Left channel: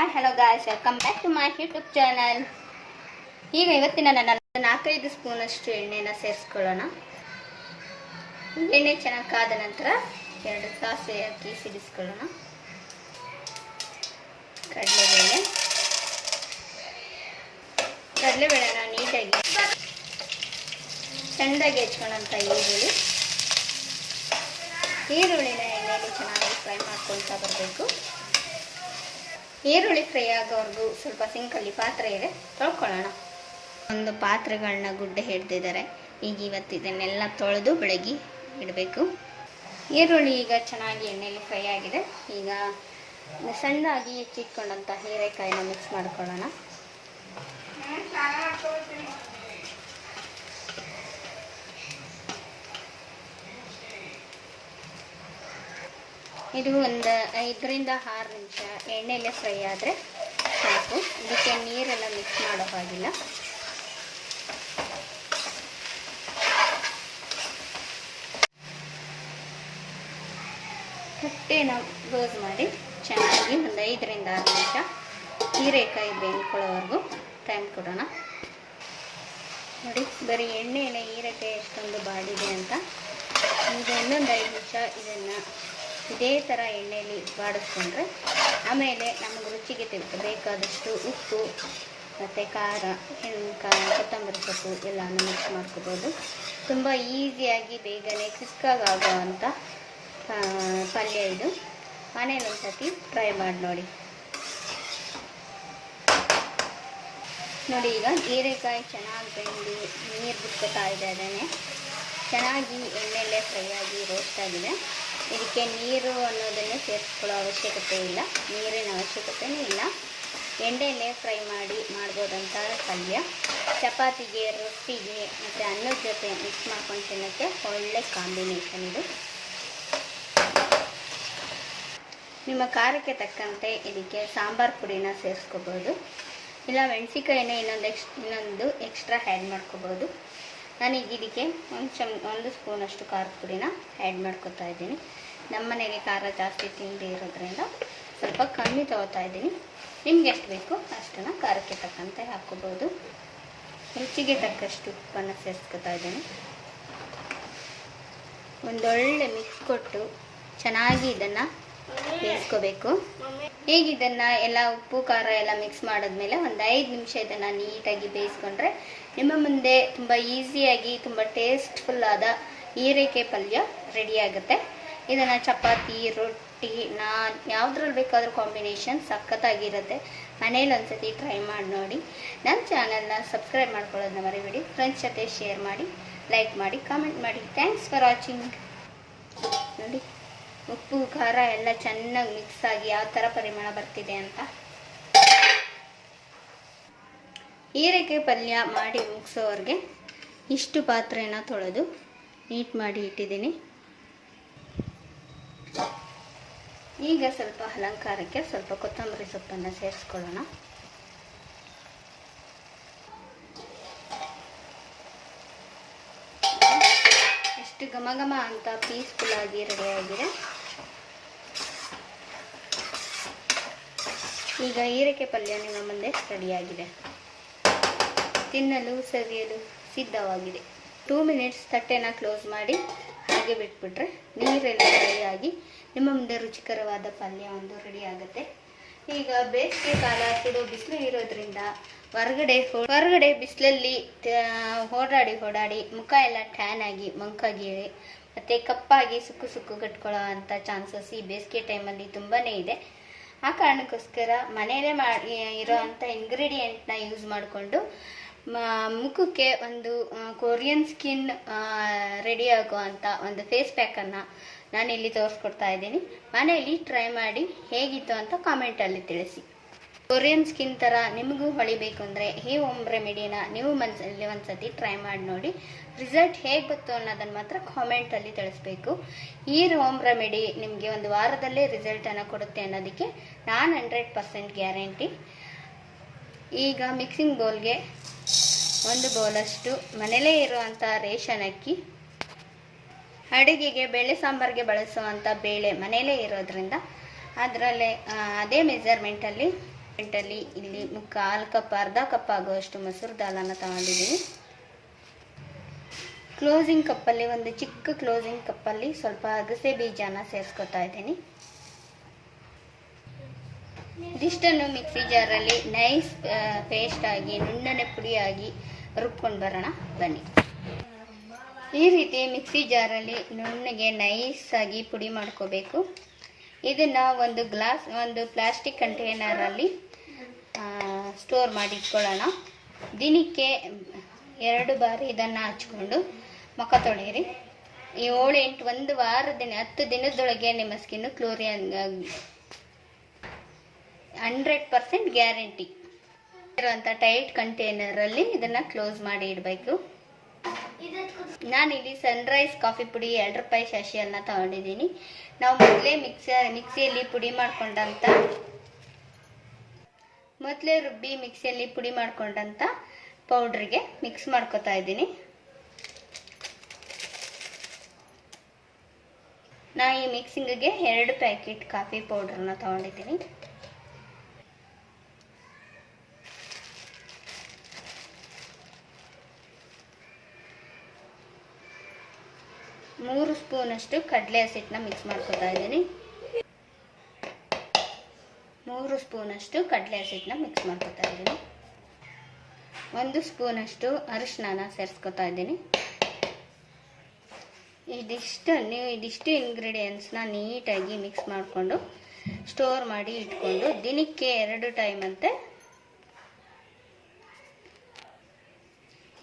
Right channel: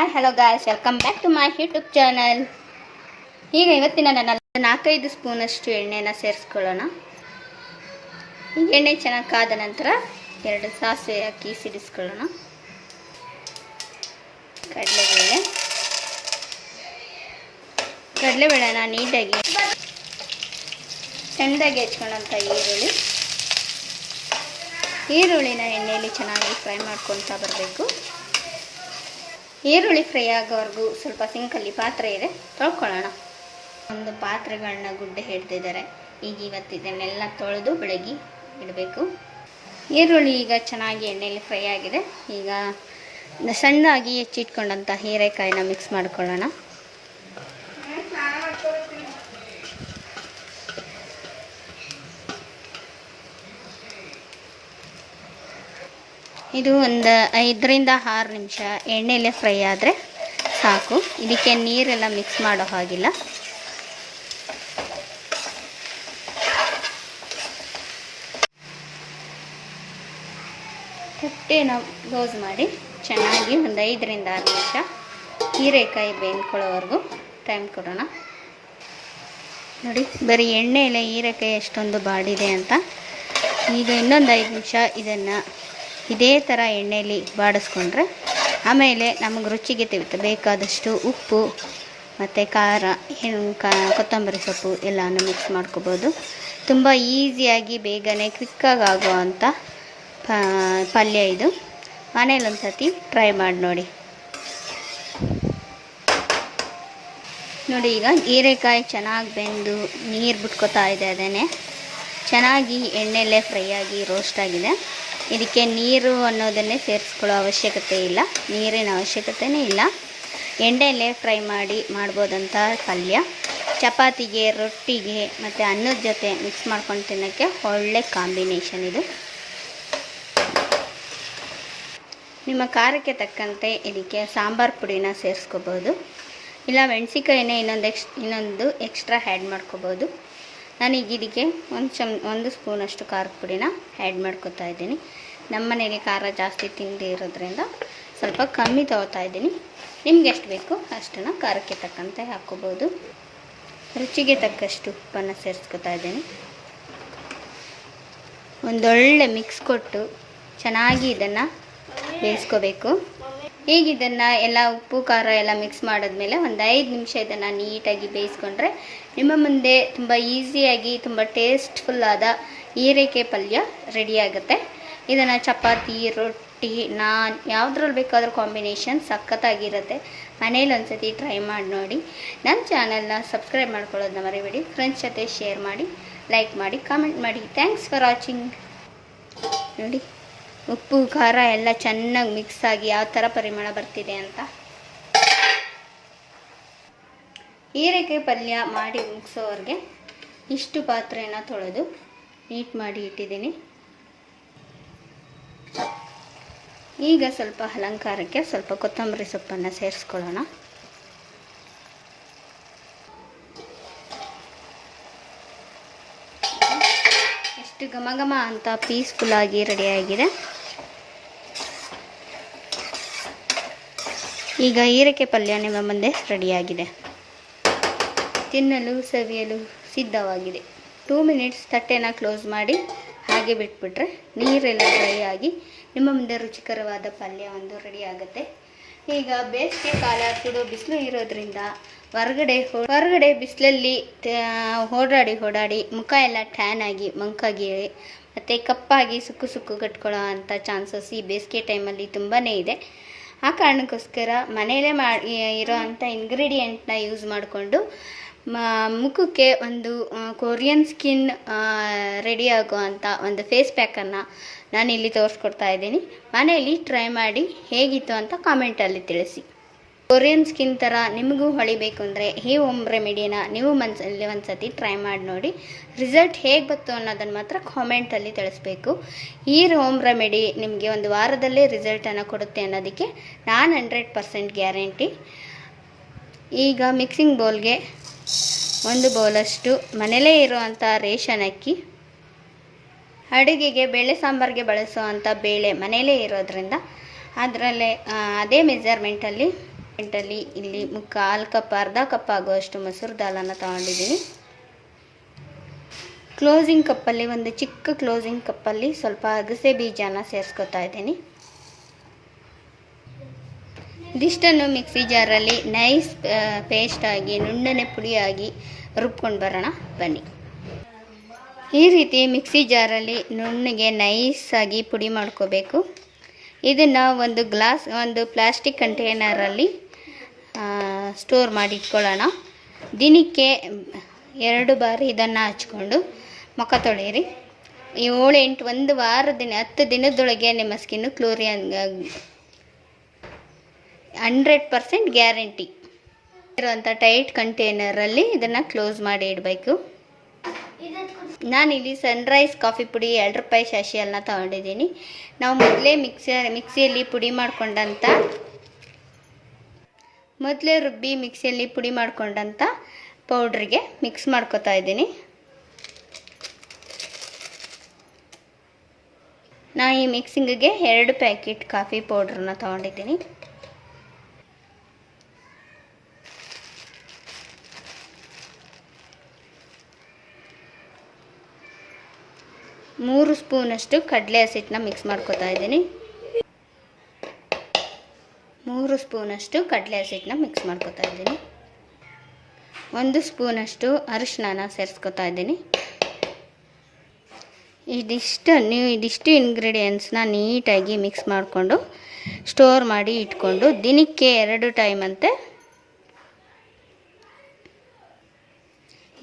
Hi hello guys, welcome back to my YouTube channel. ಈಗ ಇವತ್ತಿನ ನನ್ನ 4-5 ಸ್ಪೂನಷ್ಟು ಎಣ್ಣೆನ ಸೇರಿಸ್ಕೊಳ್ಳೋಣ. ಎಣ್ಣೆ ಚೆನ್ನಾಗಿ ಕಾದ ನಂತರ 2 ಸಾಸಿವೆ ಹಾಕಿ ಸಿಡಿಸ್ಕೊಳ್ಳೋಣ. ಕಡಲೆಬೇಳೆನ ನೀಟಾಗಿ ಚೆಂದಾಗಿ ಹೆಚ್ಕೊಳ್ಳೋಂಥ ಈರುಳ್ಳಿನ ಎಣ್ಣೆಯಲ್ಲಿ ಚೆನ್ನಾಗಿ ಫ್ರೈ ಮಾಡ್ಕೊಳ್ತಾ ಬರಬೇಕು. ಈರುಳ್ಳಿ ಫ್ರೈ ಆಗೋವರೆಗೂ ಸ್ವಲ್ಪ ಸಿಂಕಲ್ಲಿ ಪಾತ್ರೆ ಇದೆ, ತೊಳ್ಕೊಳ್ಳೋಣ. ಒಂದು ಪಾತ್ರೆಗಳನ್ನ ಗುಡ್ಡೆ ಹಿಡ್ದಿದ್ದಾರೆ. ಈಗ ಇವತ್ತು ಇದನ್ನೆಲ್ಲ ತೊಳೆದು ಬೆಳಗ್ಗೆ ಇಡಬೇಕು. ಈರುಳ್ಳಿ ಈಗ ಚೆನ್ನಾಗಿ ಎಣ್ಣೆಯಲ್ಲಿ ಫ್ರೈ ಆಗಿದೆ. ಈಗ ಸಣ್ಣದಾಗಿ ಹೆಚ್ಚಿಟ್ಕೊಂಡಂಥ ಹೀರೆಕಾಯಿನ ಮಿಕ್ಸ್ ಮಾಡ್ಕೊಳ್ಳೋಣ. ಇದು ಒಂದು 5ರಿಂದ 6 ನಿಮಿಷ ಎಣ್ಣೆಯಲ್ಲೇ ಫ್ರೈ ಆದರೆ ಸಾಕು. ಇದಕ್ಕೆ ನೀರೆಲ್ಲ ಮಿಕ್ಸ್ ಮಾಡೋ ಹಾಗಿಲ್ಲ. ಹೊಟ್ಟೆನ ಕ್ಲೋಸ್ ಮಾಡಿ ಚೆನ್ನಾಗಿ ಒಂದು 5ರಿಂದ 6 ನಿಮಿಷ ಹೀರೆಕಾಯಿ ಬೇಯ್ಕೊಳ್ಳೋವರೆಗೂ ಟೈಮ್ ಕೊಡೋಣ. ನೋಡಿ, ಬರೀ ಎಣ್ಣೆಯಲ್ಲೇ ಹೀರೆಕಾಯಿ ಎಷ್ಟೊಂದು ಬಾಡಿದೆ ಅಂತ. ಈಗ ಇನ್ನೊಂದು 5 ನಿಮಿಷ ಇದನ್ನು ಇದೇ ಥರ ಎಣ್ಣೆಯಲ್ಲಿ ಬಾಡಿಸ್ಕೊಂಡ್ರೆ ಆಮೇಲೆ ನಮಗೆ ರುಚಿಗೆ ಬೇಕಾದಷ್ಟು ಉಪ್ಪು ಮತ್ತು ಖಾರ, ಕೊತ್ತಂಬರಿ ಸೊಪ್ಪು ಎಲ್ಲನೂ ಮಿಕ್ಸ್ ಮಾಡ್ಕೋಬೋದು. ತುಂಬ ಈಸಿಯಾಗಿ ಬೇಗನೆ ಕ್ವಿಕ್ಕಾಗಿ ಆಗುವಂಥ ಪಲ್ಯ ಇದು. ಮನೇಲಿ ಒಂದು ಸತಿ ಟ್ರೈ ಮಾಡಿ ನೋಡಿ. ಈಗ ಹೀರೆಕಾಯಿ ಚೆನ್ನಾಗಿ ಬೆಂದು ನೀರು ಬಿಟ್ಕೋತಾ ಇದೆ. ಅದೇನೆ ಚೆನ್ನಾಗಿ ಎಣ್ಣೆಯಲ್ಲೇ ಫ್ರೈ ಆಗಿ ರೋಸ್ಟ್ ಆಗಿದೆ. ಇದಕ್ಕೆ ನೀರು ಅನ್ನೋದನ್ನೇ ಸೇರಿಸ್ಕೊಳ್ಳೋ ಅವಶ್ಯಕತೆ ಇಲ್ಲ, ನೀರಿನ ಅವಶ್ಯಕತೆಯೇ ಇಲ್ಲ. ಎಣ್ಣೆಯಲ್ಲೇ ಫ್ರೈ ಮಾಡ್ಬೋದಂಥ ಪಲ್ಯ. ಚಪಾತಿಗೆ, ರೊಟ್ಟಿಗೆ ಮತ್ತು ಅನ್ನದ ಜೊತೆ ಮಿಕ್ಸ್ ಮಾಡ್ಕೊಂಡು ತಿನ್ನೋಕ್ಕೆ ಒಳ್ಳೆ ಕಾಂಬಿನೇಷನ್ ಇದು. ನಿಮ್ಮ ಖಾರಕ್ಕೆ ತಕ್ಕಂತೆ ಇದಕ್ಕೆ ಸಾಂಬಾರು ಪುಡಿನ ಸೇರಿಸ್ಕೋಬೋದು, ಇಲ್ಲ ಮೆಣಸಿಕಾಯಿನೇ ಇನ್ನೊಂದು ಎಕ್ಸ್ಟ್ರಾ ಆ್ಯಡ್ ಮಾಡ್ಕೋಬೋದು. ನಾನೀಗ ಇದಕ್ಕೆ ಒಂದು ಸ್ಪೂನಷ್ಟು ಖಾರದ ಪುಡಿನ ಆ್ಯಡ್ ಮಾಡ್ಕೊತಾ ಇದ್ದೀನಿ. ನಮ್ಮ ಮನೆಗೆ ಖಾರ ಜಾಸ್ತಿ ತಿಂಡಿ ಇರೋದ್ರಿಂದ ಸ್ವಲ್ಪ ಕಮ್ಮಿ ತೊಗೋತಾ ಇದ್ದೀನಿ. ನಿಮ್ಗೆ ಎಷ್ಟು ಬೇಕು ಅಷ್ಟನ್ನು ಖಾರಕ್ಕೆ ತಕ್ಕಂತೆ ಹಾಕ್ಕೋಬೋದು. ರುಚಿಗೆ ತಕ್ಕಷ್ಟು ಉಪ್ಪನ್ನು ಸೇರಿಸ್ಕೊತಾ ಇದ್ದೀನಿ. ಒಂದೊಳ್ಳೆ ಮಿಕ್ಸ್ ಕೊಟ್ಟು ಚೆನ್ನಾಗಿ ಇದನ್ನು ಬೇಯಿಸ್ಕೋಬೇಕು. ಈಗ ಇದನ್ನು ಎಲ್ಲ ಉಪ್ಪು ಖಾರ ಎಲ್ಲ ಮಿಕ್ಸ್ ಮಾಡಿದ್ಮೇಲೆ ಒಂದು 5 ನಿಮಿಷ ಇದನ್ನು ನೀಟಾಗಿ ಬೇಯಿಸ್ಕೊಂಡ್ರೆ ನಿಮ್ಮ ಮುಂದೆ ತುಂಬ ಈಸಿಯಾಗಿ ತುಂಬ ಟೇಸ್ಟ್ಫುಲ್ಲಾದ ಹೀರೆಕಾಯಿ ಪಲ್ಯ ರೆಡಿಯಾಗುತ್ತೆ. ಇದನ್ನು ಚಪಾತಿ, ರೊಟ್ಟಿ, ನಾನ್ ಯಾವುದ್ರಲ್ಲಿ ಬೇಕಾದರೂ ಕಾಂಬಿನೇಷನ್ ಸಖತ್ತಾಗಿರುತ್ತೆ. ಮನೇಲಿ ಒಂದ್ಸತಿ ಟ್ರೈ ಮಾಡಿ ನೋಡಿ. ನನ್ನ ಚಾನಲ್ನ ಸಬ್ಸ್ಕ್ರೈಬ್ ಮಾಡ್ಕೊಳ್ಳೋದನ್ನ ಮರಿಬೇಡಿ. ಫ್ರೆಂಡ್ಸ್ ಜೊತೆ ಶೇರ್ ಮಾಡಿ, ಲೈಕ್ ಮಾಡಿ, ಕಾಮೆಂಟ್ ಮಾಡಿ. Thanks for watching. ನೋಡಿ, ಉಪ್ಪು ಖಾರ ಎಲ್ಲ ಚೆನ್ನಾಗಿ ಮಿಕ್ಸ್ ಆಗಿ ಯಾವ ಥರ ಪರಿಮಳ ಬರ್ತಿದೆ ಅಂತ. ಹೀರೆಕಾಯಿ ಪಲ್ಯ ಮಾಡಿ ಮುಗಿಸೋವರೆಗೆ ಇಷ್ಟು ಪಾತ್ರೆನ ತೊಳೆದು ನೀಟ್ ಮಾಡಿ ಇಟ್ಟಿದ್ದೀನಿ. ಈಗ ಸ್ವಲ್ಪ ಅಲಂಕಾರಕ್ಕೆ ಸ್ವಲ್ಪ ಕೊತ್ತಂಬರಿ ಸೊಪ್ಪನ್ನು ಸೇರಿಸ್ಕೊಳ್ಳೋಣ. ಎಷ್ಟು ಘಮ ಅಂತ ಪೀಸ್ಫುಲ್ಲಾಗಿ ರೆಡಿಯಾಗಿದೆ. ಈಗ ಹೀರೆಕಾಯಿ ಪಲ್ಯ ನಿಮ್ಮ ಮುಂದೆ ರೆಡಿಯಾಗಿದೆ. ತಿನ್ನಲು ಸವಿಯಲು ಸಿದ್ಧವಾಗಿದೆ. 2 ಮಿನಿಟ್ಸ್ ತಟ್ಟೆನ ಕ್ಲೋಸ್ ಮಾಡಿ ಹಾಗೆ ಬಿಟ್ಬಿಟ್ರೆ ನೀರೆಲ್ಲ ಡ್ರೈ ಆಗಿ ನಿಮ್ಮ ಮುಂದೆ ರುಚಿಕರವಾದ ಪಲ್ಯ ಒಂದು ರೆಡಿ ಆಗುತ್ತೆ. ಈಗ ಬೇಸಿಗೆ ಕಾಲ, ಸುಡೋ ಬಿಸಿಲು ಇರೋದ್ರಿಂದ ಹೊರಗಡೆ ಬಿಸಿಲಲ್ಲಿ ಓಡಾಡಿ ಮುಖ ಎಲ್ಲ ಟ್ಯಾನ್ ಆಗಿ ಮಂಕಾಗಿ ಮತ್ತು ಕಪ್ಪಾಗಿ ಸುಕ್ಕು ಕಟ್ಕೊಳ್ಳೋ ಅಂಥ ಚಾನ್ಸಸ್ ಈ ಬೇಸಿಗೆ ಟೈಮಲ್ಲಿ ತುಂಬಾ ಇದೆ. ಆ ಕಾರಣಕ್ಕೋಸ್ಕರ ಮನೆಯಲ್ಲೇ ಇರೋ ಅಂಥ ಇಂಗ್ರೀಡಿಯೆಂಟ್ನ ಯೂಸ್ ಮಾಡಿಕೊಂಡು ಮುಖಕ್ಕೆ ಒಂದು ಕೊರಿಯನ್ ಸ್ಕಿನ್ ರೆಡಿ ಆಗುವಂಥ ಒಂದು ಫೇಸ್ ಪ್ಯಾಕನ್ನು ನಾನಿಲ್ಲಿ ತೋರಿಸ್ಕೊಡ್ತಾ ಇದ್ದೀನಿ. ಮನೆಯಲ್ಲಿ ಟ್ರೈ ಮಾಡಿ ಹೇಗಿತ್ತು ಅಂತ ಕಾಮೆಂಟಲ್ಲಿ ತಿಳಿಸಿ. ಕೊರಿಯನ್ ಸ್ಕಿನ್ ಥರ ನಿಮಗೂ ಹೊಳಿಬೇಕು ಅಂದರೆ ಈ ಹೋಮ್ ರೆಮಿಡಿನ ನೀವು ಮನಸ್ಸಲ್ಲಿ ಒಂದು ಸತಿ ಟ್ರೈ ಮಾಡಿ ನೋಡಿ. ರಿಸಲ್ಟ್ ಹೇಗೆ ಬಂತು ಅನ್ನೋದನ್ನು ಮಾತ್ರ ಕಾಮೆಂಟಲ್ಲಿ ತಿಳಿಸ್ಬೇಕು. ಈ ಹೋಮ್ ರೆಮಿಡಿ ನಿಮಗೆ ಒಂದು ವಾರದಲ್ಲೇ ರಿಸಲ್ಟನ್ನು ಕೊಡುತ್ತೆ ಅನ್ನೋದಕ್ಕೆ ನಾನು 100% ಗ್ಯಾರಂಟಿ. ಈಗ ಮಿಕ್ಸಿಂಗ್ ಬೌಲ್ಗೆ 1 ಬೌಲಷ್ಟು ಮನೆಯಲ್ಲೇ ಇರುವಂಥ ರೇಷನ್ ಅಕ್ಕಿ, ಅಡುಗೆಗೆ ಬೇಳೆ ಸಾಂಬಾರಿಗೆ ಬಳಸುವಂಥ ಬೇಳೆ ಮನೆಯಲ್ಲೇ ಇರೋದ್ರಿಂದ ಅದರಲ್ಲೇ ಅದೇ ಮೆಜರ್ಮೆಂಟಲ್ಲಿ ಗಂಟಲ್ಲಿ ಇಲ್ಲಿ ಮುಕ್ಕಾಲು ಕಪ್ ಅರ್ಧ ಕಪ್ ಆಗುವಷ್ಟು ಮೊಸರು ದಾಲನ್ನು ತಗೊಂಡಿದ್ದೀನಿ. ಕ್ಲೋಸಿಂಗ್ ಕಪ್ಪಲ್ಲಿ ಒಂದು ಚಿಕ್ಕ ಕ್ಲೋಸಿಂಗ್ ಕಪ್ಪಲ್ಲಿ ಸ್ವಲ್ಪ ಅಗಸೆ ಬೀಜನ ಸೇರಿಸ್ಕೊತಾ ಇದ್ದೀನಿ. ಇದಿಷ್ಟನ್ನು ಮಿಕ್ಸಿ ಜಾರಲ್ಲಿ ನೈಸ್ ಪೇಸ್ಟಾಗಿ ನುಣ್ಣನೆ ಪುಡಿಯಾಗಿ ರುಬ್ಕೊಂಡು ಬರೋಣ ಬನ್ನಿ. ಈ ರೀತಿ ಮಿಕ್ಸಿ ಜಾರಲ್ಲಿ ನುಣ್ಣಗೆ ನೈಸಾಗಿ ಪುಡಿ ಮಾಡ್ಕೋಬೇಕು. ಇದನ್ನು ಒಂದು ಪ್ಲಾಸ್ಟಿಕ್ ಕಂಟೈನರಲ್ಲಿ ಸ್ಟೋರ್ ಮಾಡಿ ಇಟ್ಕೊಳ್ಳೋಣ. ದಿನಕ್ಕೆ 2 ಬಾರಿ ಇದನ್ನು ಹಚ್ಕೊಂಡು ಮುಖ ತೊಳೆಯಿರಿ. 7-8 ಒಂದು ವಾರದಿನ 10 ದಿನದೊಳಗೆ ನಿಮ್ಮ ಸ್ಕಿನ್ನು ಕ್ಲೋರಿಯನ್ 100% ಗ್ಯಾರಂಟಿ ಇರುವಂಥ ಟೈಟ್ ಕಂಟೈನರಲ್ಲಿ ಇದನ್ನು ಕ್ಲೋಸ್ ಮಾಡಿ ಇಡಬೇಕು. ನಾನಿಲ್ಲಿ ಸನ್ರೈಸ್ ಕಾಫಿ ಪುಡಿ 2 ರೂಪಾಯಿ ಶಾಶಿಯನ್ನ ತಗೊಂಡಿದ್ದೀನಿ. ನಾವು ಮೊದಲೇ ಮಿಕ್ಸಿಯಲ್ಲಿ ಪುಡಿ ಮಾಡ್ಕೊಂಡಂಥ ಮಿಕ್ಸಿಯಲ್ಲಿ ಪುಡಿ ಮಾಡ್ಕೊಂಡಂಥ ಪೌಡ್ರಿಗೆ ಮಿಕ್ಸ್ ಮಾಡ್ಕೊತಾ ಇದ್ದೀನಿ. ನಾನು ಈ ಮಿಕ್ಸಿಂಗಿಗೆ 2 ಪ್ಯಾಕೆಟ್ ಕಾಫಿ ಪೌಡ್ರನ್ನ ತಗೊಂಡಿದ್ದೀನಿ. ಮೂರು ಸ್ಪೂನಷ್ಟು ಕಡಲೆ ಹಸಿಟ್ಟನ್ನ ಮಿಕ್ಸ್ ಮಾಡ್ಕೊತಾ ಇದ್ದೀನಿ. 3 ಸ್ಪೂನಷ್ಟು ಕಡಲೆ ಹಸಿಟ್ಟನ್ನ ಮಿಕ್ಸ್ ಮಾಡ್ಕೊತಾ ಇದ್ದೀನಿ. 1 ಸ್ಪೂನಷ್ಟು ಅರಿಶಿನ ಸೇರಿಸ್ಕೊತಾ ಇದ್ದೀನಿ. ಇದಿಷ್ಟು ಇಂಗ್ರೀಡಿಯೆಂಟ್ಸ್ನ ನೀಟಾಗಿ ಮಿಕ್ಸ್ ಮಾಡಿಕೊಂಡು ಸ್ಟೋರ್ ಮಾಡಿ ಇಟ್ಕೊಂಡು ದಿನಕ್ಕೆ 2 ಟೈಮ್ ಅಂತೆ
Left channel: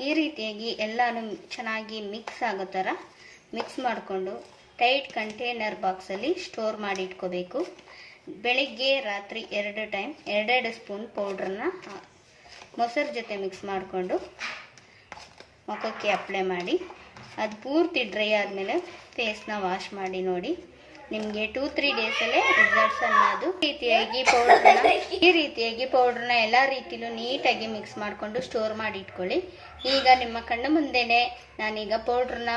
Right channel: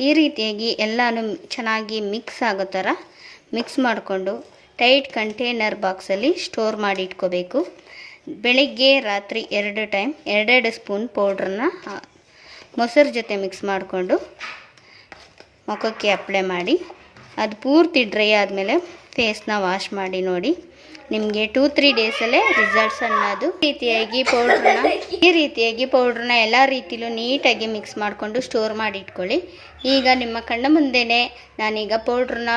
ಈ ರೀತಿಯಾಗಿ ಎಲ್ಲನೂ ಚೆನ್ನಾಗಿ ಮಿಕ್ಸ್ ಆಗೋ ಥರ ಮಿಕ್ಸ್ ಮಾಡಿಕೊಂಡು ಟೈಟ್ ಕಂಟೈನರ್ ಬಾಕ್ಸಲ್ಲಿ ಸ್ಟೋರ್ ಮಾಡಿ ಇಟ್ಕೋಬೇಕು. ಬೆಳಿಗ್ಗೆ ರಾತ್ರಿ 2 ಟೈಮ್ 2 ಸ್ಪೂನ್ ಪೌಡ್ರನ್ನ ಮೊಸರು ಜೊತೆ ಮಿಕ್ಸ್ ಮಾಡಿಕೊಂಡು ಮುಖಕ್ಕೆ ಅಪ್ಲೈ ಮಾಡಿ ಅದು ಪೂರ್ತಿ ಡ್ರೈ ಆದಮೇಲೆ ಫೇಸ್ನ ವಾಶ್ ಮಾಡಿ ನೋಡಿ. ನಿಮಗೆ 2-3 ಡೇಸಲ್ಲೇ ರಿಸಲ್ಟ್ಸ್ ಅನ್ನೋದು. ಈ ರೀತಿಯಾಗಿ ಪೌಡ್ರನ್ನ ಎಲ್ಲ ರೀತಿಲೂ ನೀಟಾಗಿ ಮಿಕ್ಸ್ ಮಾಡಿಕೊಂಡು ಸ್ಟೋರ್ ಮಾಡಿ ಇಟ್ಕೊಳ್ಳಿ. ಈಗ ನಿಮ್ಮ ಕಣ್ಣ ಮುಂದೆನೇ ನಾನೀಗ ಪೌಡ್ರನ್ನ